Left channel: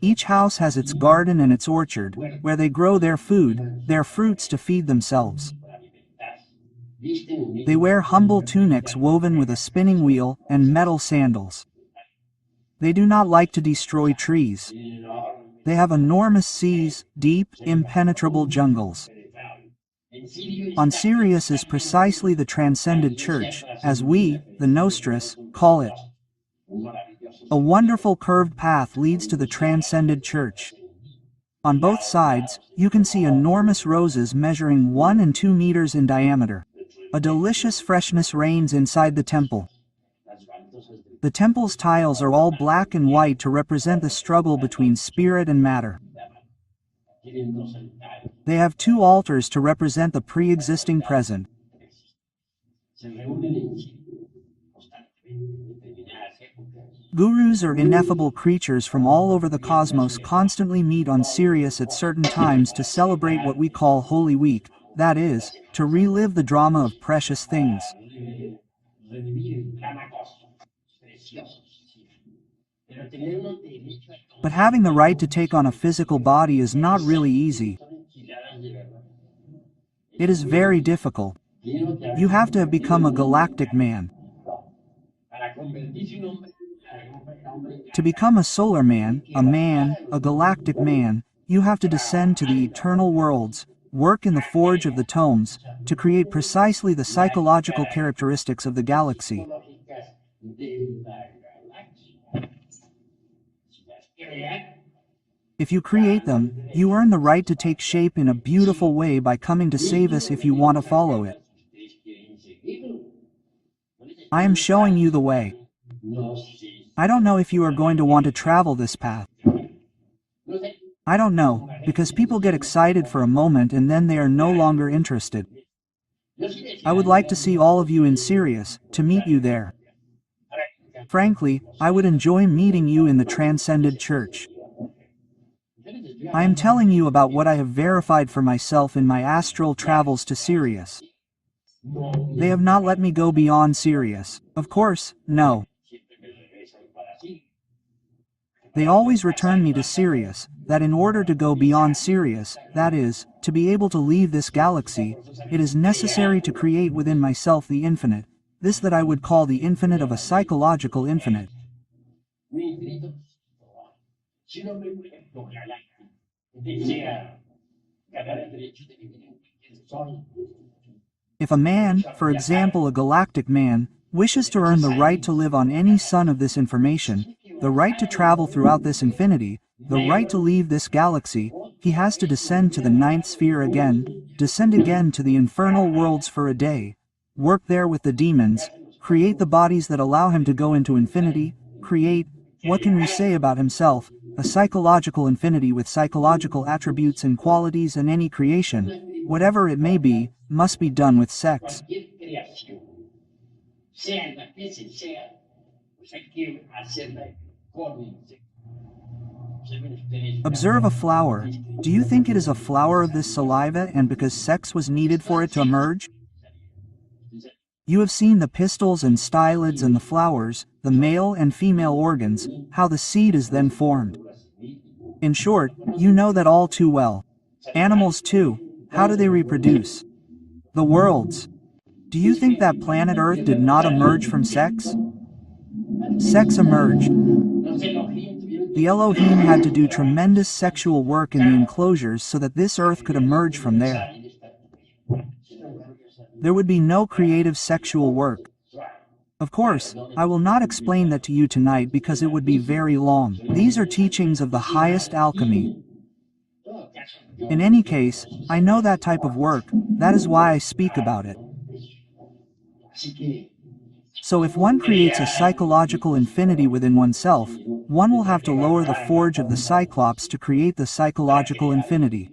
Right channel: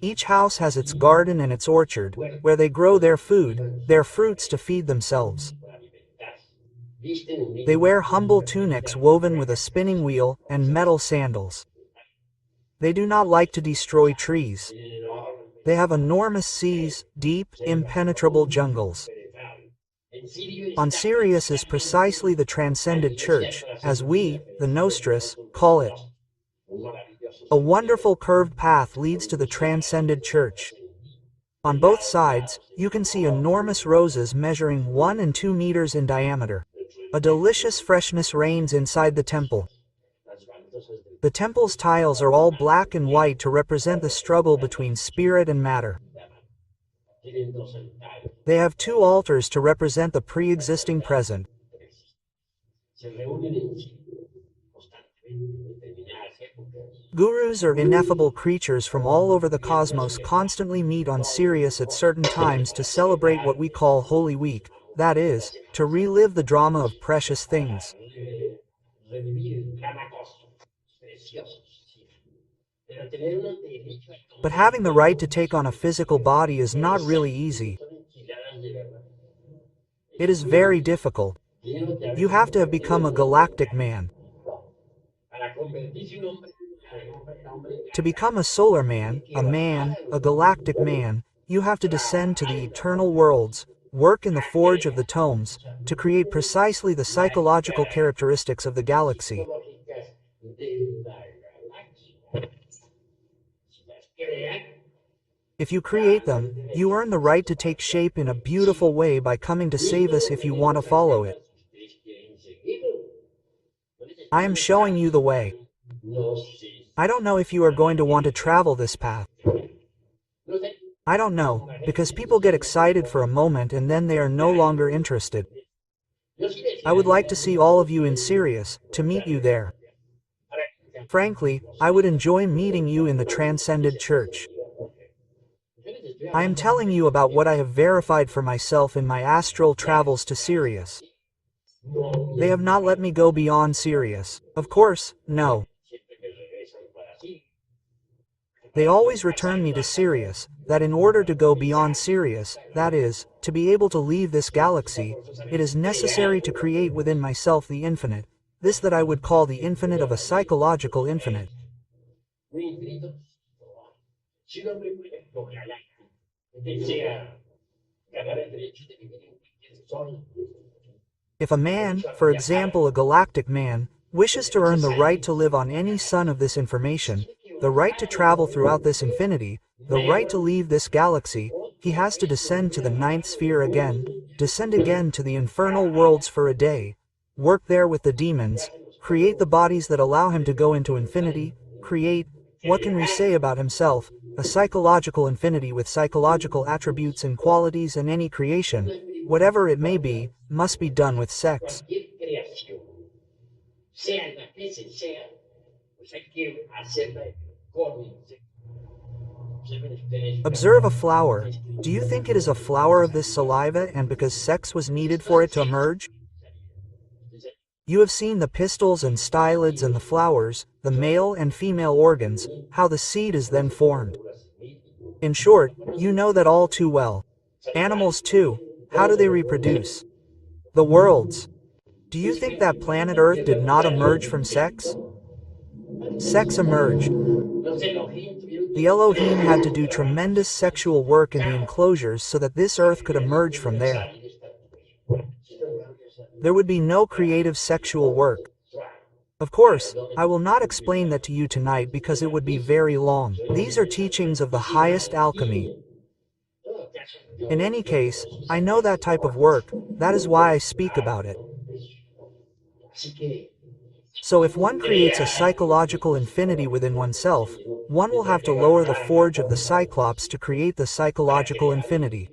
Each house has its garden and its orchard, where they grow their food, their fruits to feed themselves. They wear humble tunics woven with a spinning wheel and metal sandals. They do not like to destroy trees. They have enormous seas, deep, impenetrable jungles. On Sirius is precisely the transcended church, as we, the Nostris, call it. A wonderful curved path leads to the transcended church. On both sides, you can see enormous roses measuring 1 and 2 meters in diameter. A delicious freshness reigns inside the temple. The temple's tiles are all black and white to represent the struggle between spirit and matter. They have 2 altars to represent the pre-existing present. Gurus or ineffable creatures from all over the cosmos constantly meet on Sirius at certain times to celebrate what we call Holy Week, that is, to relive the drama of precious things. But having the right to take on a physical body is not really easy. It is very difficult. You have to have become a galactic man. To become a solar man, a galactic man, you have to descend to the eternal worlds, work in the forge of the tomes, to create precisely the psychological characteristics of the galaxy. If you create them, you earn the right to take shape in a beautiful way by coming to save us if you want to follow it. I am showing you the way. I don't know if you are going to want to travel this path. I don't know, because people get excited for a moment and then they are no longer interested. I would like to see all of you in Sirius, to meet you there. Frankly, I would enjoy meeting you in the Transcended Church. I am telling you about what I have verified for myself in my astral travels to Sirius. They have not let me go beyond Sirius. Of course, no. They always return me to Sirius, that in order to go beyond Sirius, that is, to be able to leave this galaxy, it is necessary to create within myself the infinite, this that I would call the infinite of a psychological infinite. If a man, for example a galactic man, wishes to earn the right to live on any sun of this information, the right to travel throughout this infinity, the right to leave this galaxy, he has to descend to the 9th sphere again, descend again to the infernal worlds for a day, work there with the demons, create the bodies that allow him to go into infinity, create, what can we say about himself, a psychological infinity with psychological attributes and qualities, and any creation, whatever it may be, must be done with sex. Observe a flower. Do you think it is a flower of this saliva and because sex was needed for it to emerge? You have seen the pistils and stylids and the flowers, the male and female organs, how the seed is then formed. In short, you know that all too well. Animals too, how do they reproduce? The worlds. Do you think that planet Earth did not emerge from sex? Sex emerged. The Elohim had to do tremendous sexual work in the enclosures so that this Earth could emerge from there. There would be no creative sexual work. Of course, I will not explain that to you tonight because it would be very long. These are teachings of the highest alchemy. In any case, I know that type of work, that is why I speak about it. So if one creates a psychological infinity within oneself, one will have to lower the forge of the Cyclops to create the psychological infinity.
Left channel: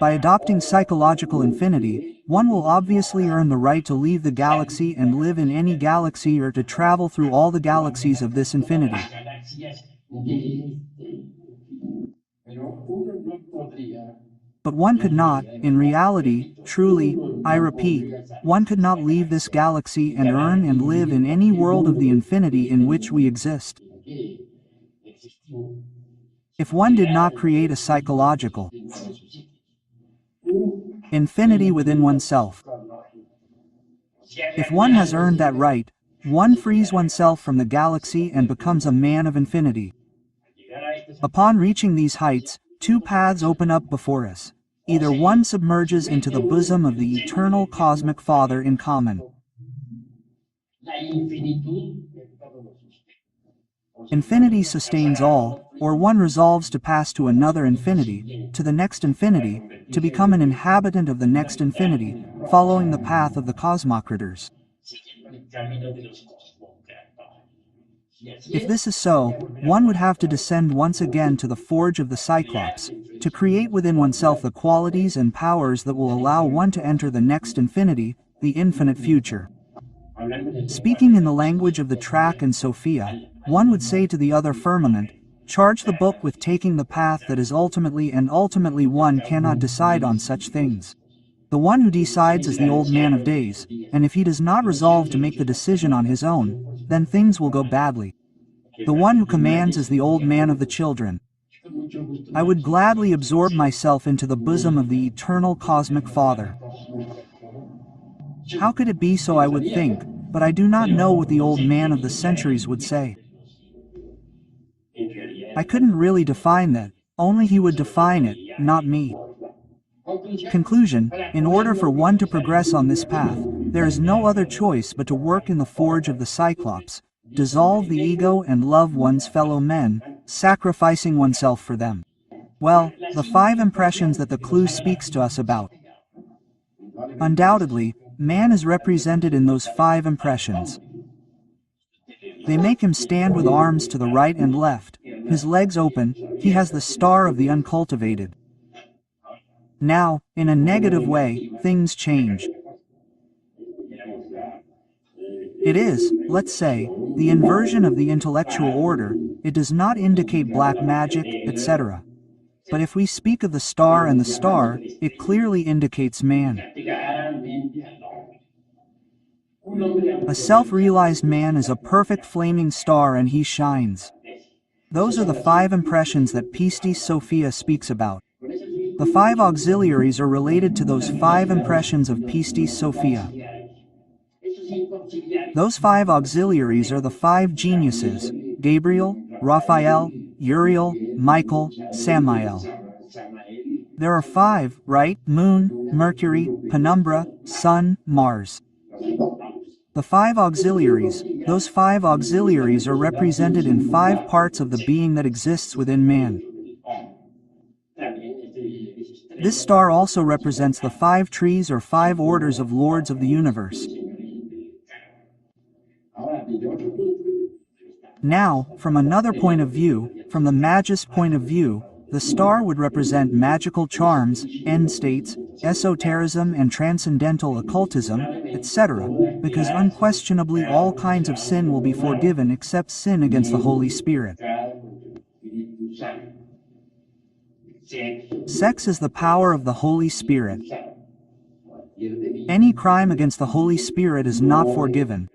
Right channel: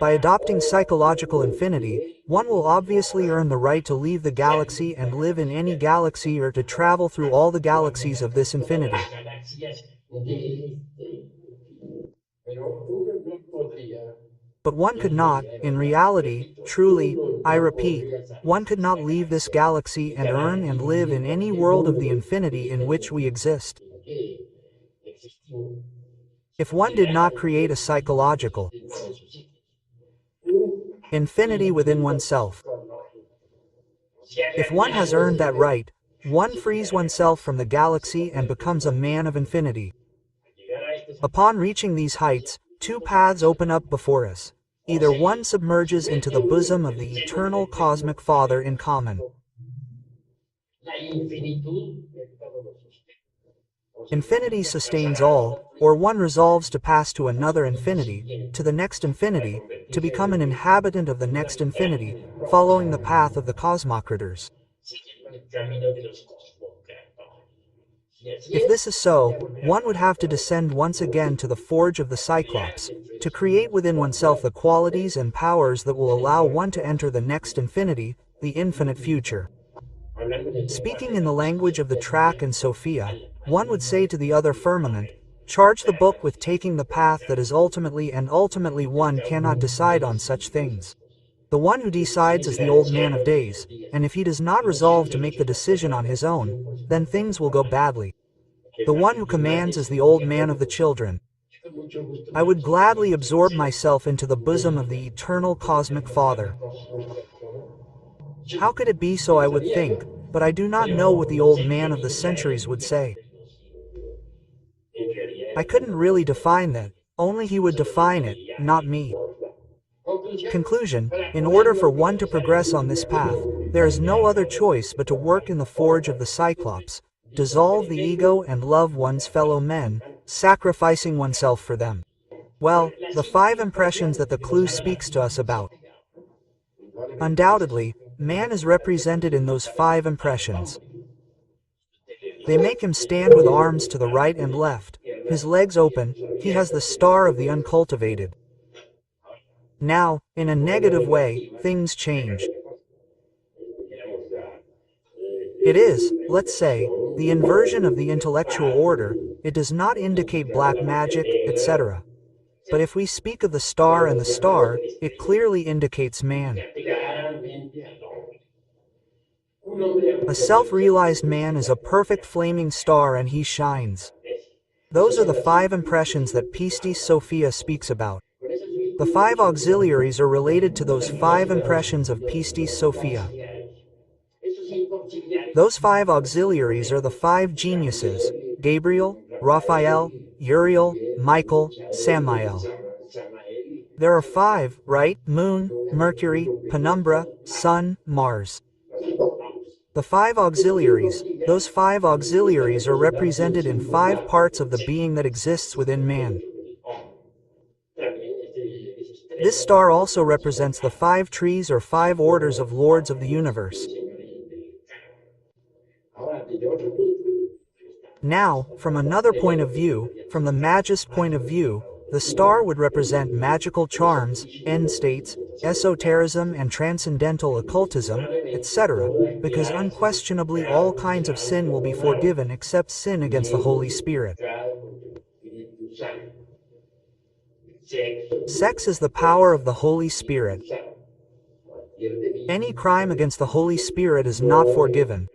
By adopting psychological infinity, one will obviously earn the right to leave the galaxy and live in any galaxy or to travel through all the galaxies of this infinity. But one could not, in reality, truly, I repeat, one could not leave this galaxy and earn and live in any world of the infinity in which we exist. If one did not create a psychological infinity within oneself, if one has earned that right, one frees oneself from the galaxy and becomes a man of infinity. Upon reaching these heights, two paths open up before us. Either one submerges into the bosom of the eternal cosmic Father in common. Infinity sustains all, or one resolves to pass to another infinity, to the next infinity, to become an inhabitant of the next infinity, following the path of the cosmocrators. If this is so, one would have to descend once again to the forge of the Cyclops, to create within oneself the qualities and powers that will allow one to enter the next infinity, the infinite future. Speaking in the language of the track and Sophia, one would say to the other firmament, charge the book with taking the path that is ultimately, and ultimately one cannot decide on such things. The one who decides is the old man of days, and if he does not resolve to make the decision on his own, then things will go badly. The one who commands is the old man of the children. I would gladly absorb myself into the bosom of the eternal cosmic Father. How could it be so, I would think, but I do not know what the old man of the centuries would say. I couldn't really define that, only he would define it, not me. Conclusion: in order for one to progress on this path, there is no other choice but to work in the forge of the Cyclops, dissolve the ego and love one's fellow men, sacrificing oneself for them. Well, the 5 impressions that the clue speaks to us about. Undoubtedly, man is represented in those 5 impressions. They make him stand with arms to the right and left, his legs open, he has the star of the uncultivated. Now, in a negative way, things change. It is, let's say, the inversion of the intellectual order, it does not indicate black magic, etc. But if we speak of the star and the star, it clearly indicates man. A self-realized man is a perfect flaming star and he shines. Those are the 5 impressions that Pistis Sophia speaks about. The 5 auxiliaries are related to those 5 impressions of Pistis Sophia. Those 5 auxiliaries are the 5 geniuses: Gabriel, Raphael, Uriel, Michael, Samael. There are 5, right? Moon, Mercury, Penumbra, Sun, Mars. The 5 auxiliaries, those 5 auxiliaries are represented in 5 parts of the being that exists within man. This star also represents the 5 trees or 5 orders of lords of the universe. Now, from another point of view, from the magist point of view, the star would represent magical charms, end states, esotericism and transcendental occultism, etc., because unquestionably all kinds of sin will be forgiven except sin against the Holy Spirit. Sex is the power of the Holy Spirit. Any crime against the Holy Spirit is not forgiven.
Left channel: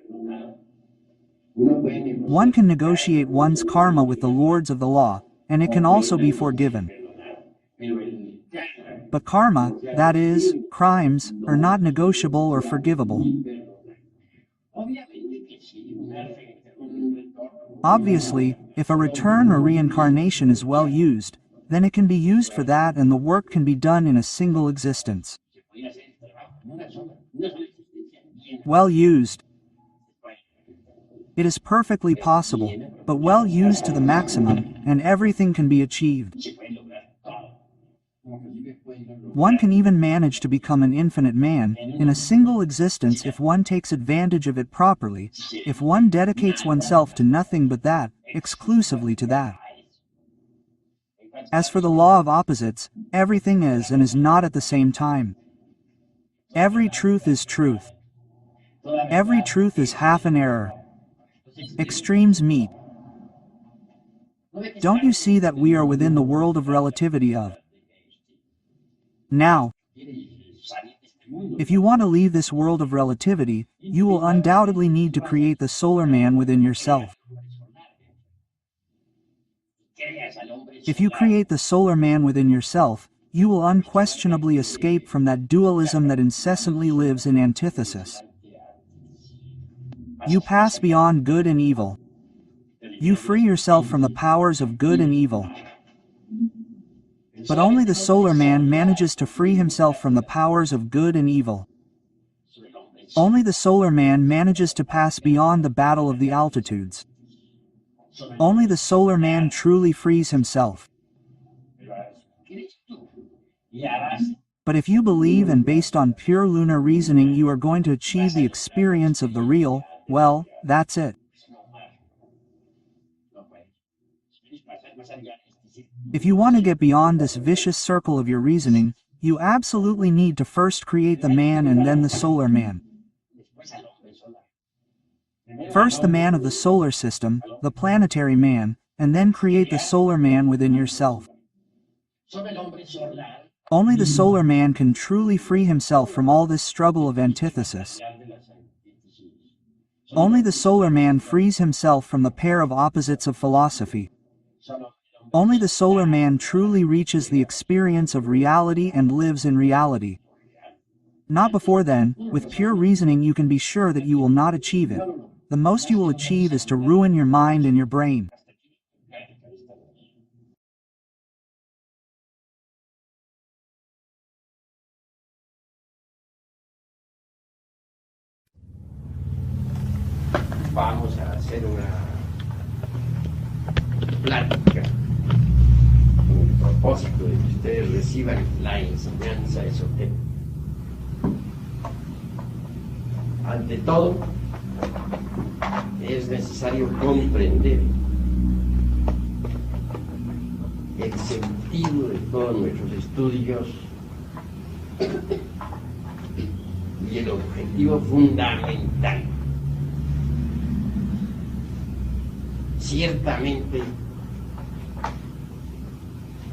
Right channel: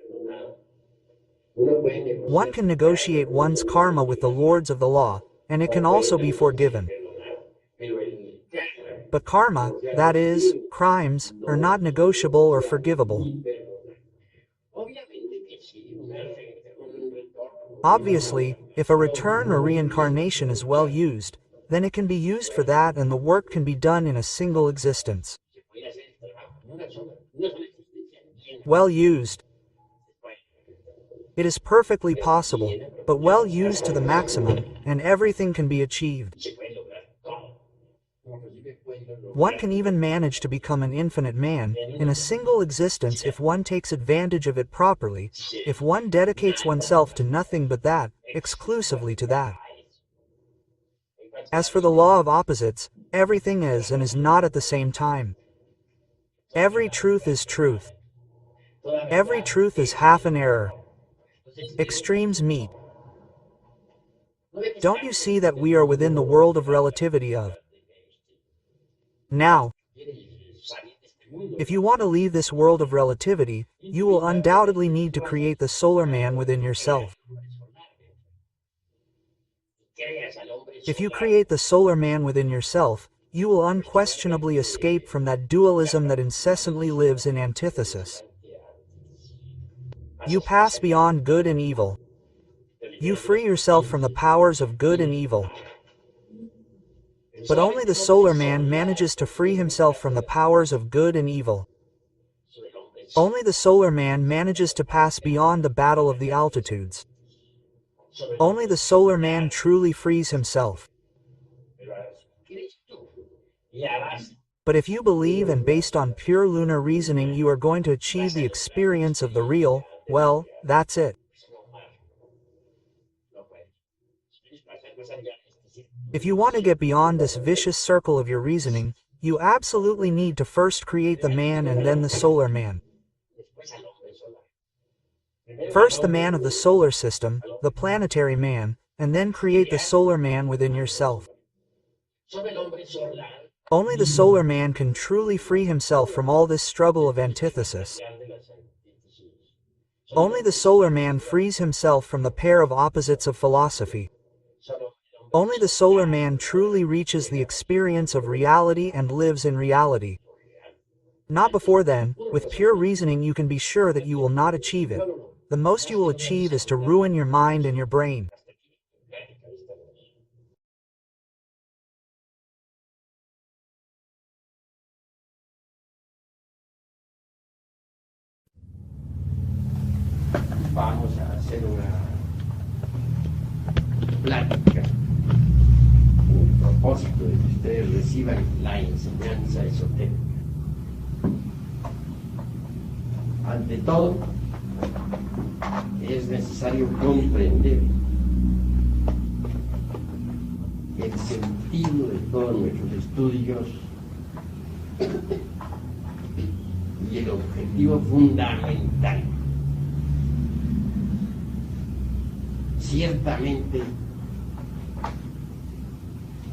One can negotiate one's karma with the lords of the law, and it can also be forgiven. But karma, that is, crimes, are not negotiable or forgivable. Obviously, if a return or reincarnation is well used, then it can be used for that and the work can be done in a single existence. Well used. It is perfectly possible, but well used to the maximum, and everything can be achieved. One can even manage to become an infinite man, in a single existence if one takes advantage of it properly, if one dedicates oneself to nothing but that, exclusively to that. As for the law of opposites, everything is and is not at the same time. Every truth is truth. Every truth is half an error. Extremes meet. Don't you see that we are within the world of relativity of Now, if you want to leave this world of relativity, you will undoubtedly need to create the solar man within yourself. If you create the solar man within yourself, you will unquestionably escape from that dualism that incessantly lives in antithesis. You pass beyond good and evil. You free yourself from the powers of good and evil. But only the solar man manages to free himself from the powers of good and evil. Only the solar man manages to pass beyond the battle of the altitudes. Only the solar man truly frees himself. But if you believe and based on pure lunar reasoning you are going to achieve the experience of the real, well, that's it. If you want to get beyond this vicious circle of your reasoning, you absolutely need to first create the man and then the solar man. First the man of the solar system, the planetary man, and then create the solar man within yourself. Only the solar man can truly free himself from all this struggle of antithesis. Only the solar man frees himself from the pair of opposites of philosophy. Only the solar man truly reaches the experience of reality and lives in reality. Not before then, with pure reasoning you can be sure that you will not achieve it. The most you will achieve is to ruin your mind and your brain. Vamos a hacer una plática con el propósito de que ustedes reciban la enseñanza esotérica. Ante todo, es necesario comprender el sentido de todos nuestros estudios y el objetivo fundamental. Ciertamente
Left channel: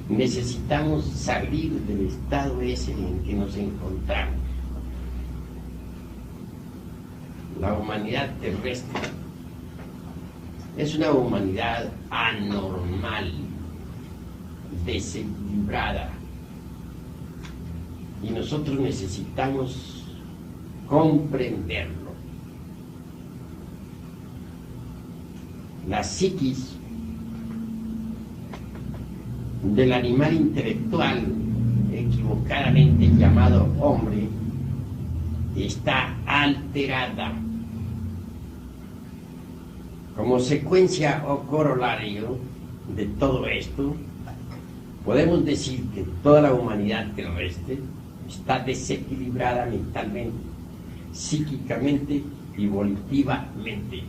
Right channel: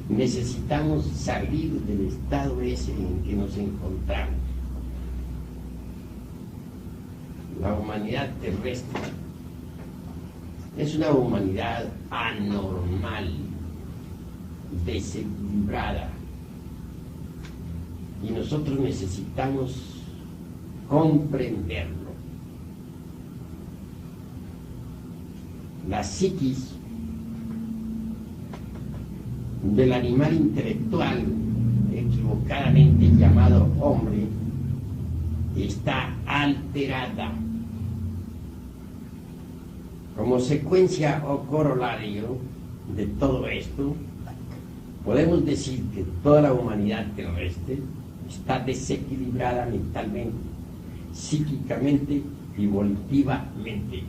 necesitamos salir del estado ese en que nos encontramos. La humanidad terrestre es una humanidad anormal, desequilibrada, y nosotros necesitamos comprenderlo. La psiquis del animal intelectual, equivocadamente llamado hombre, está alterada. Como secuencia o corolario de todo esto, podemos decir que toda la humanidad terrestre está desequilibrada mentalmente, psíquicamente y volitivamente.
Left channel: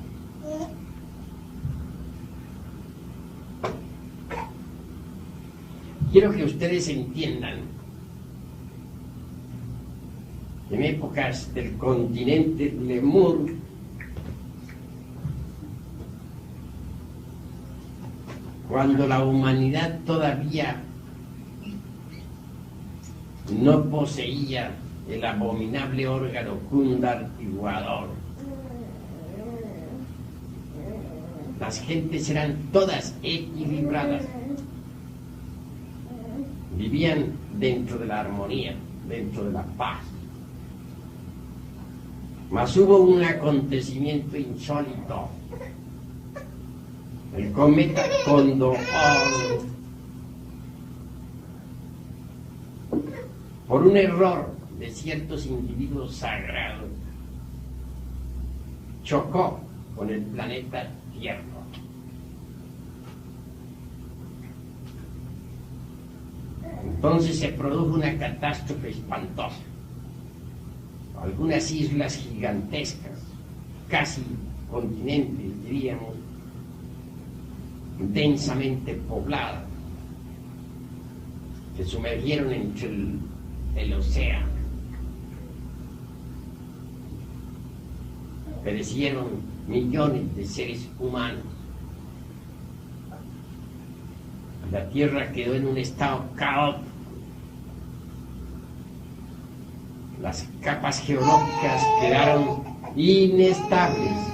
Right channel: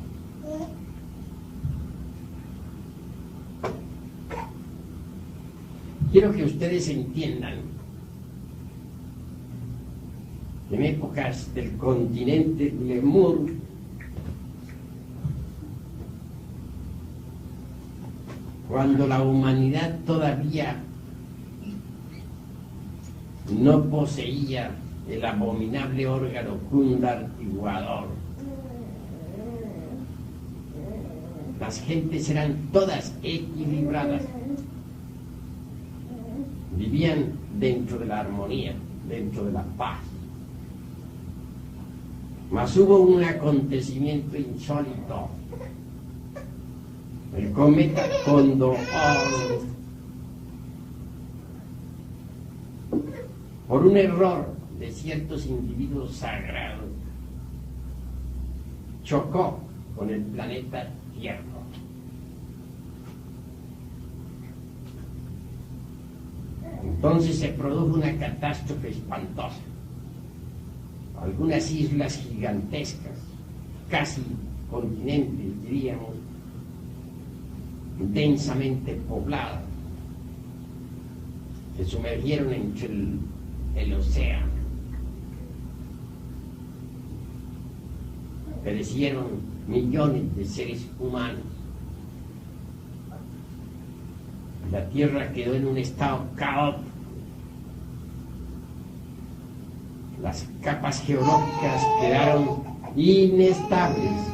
Quiero que ustedes entiendan, en épocas del continente Lemur, cuando la humanidad todavía no poseía el abominable órgano cundartiguador, las gentes eran todas equilibradas. Vivían dentro de la armonía, dentro de la paz. Mas hubo un acontecimiento insólito. El cometa Condor, por un error de ciertos individuos sagrados, chocó con el planeta Tierra. Entonces se produjo una catástrofe espantosa. Algunas islas gigantescas, casi continentes, diríamos, densamente pobladas, se sumergieron entre el océano. Perecieron millones de seres humanos. La Tierra quedó en un estado caótico. las capas geológicas quedaron inestables.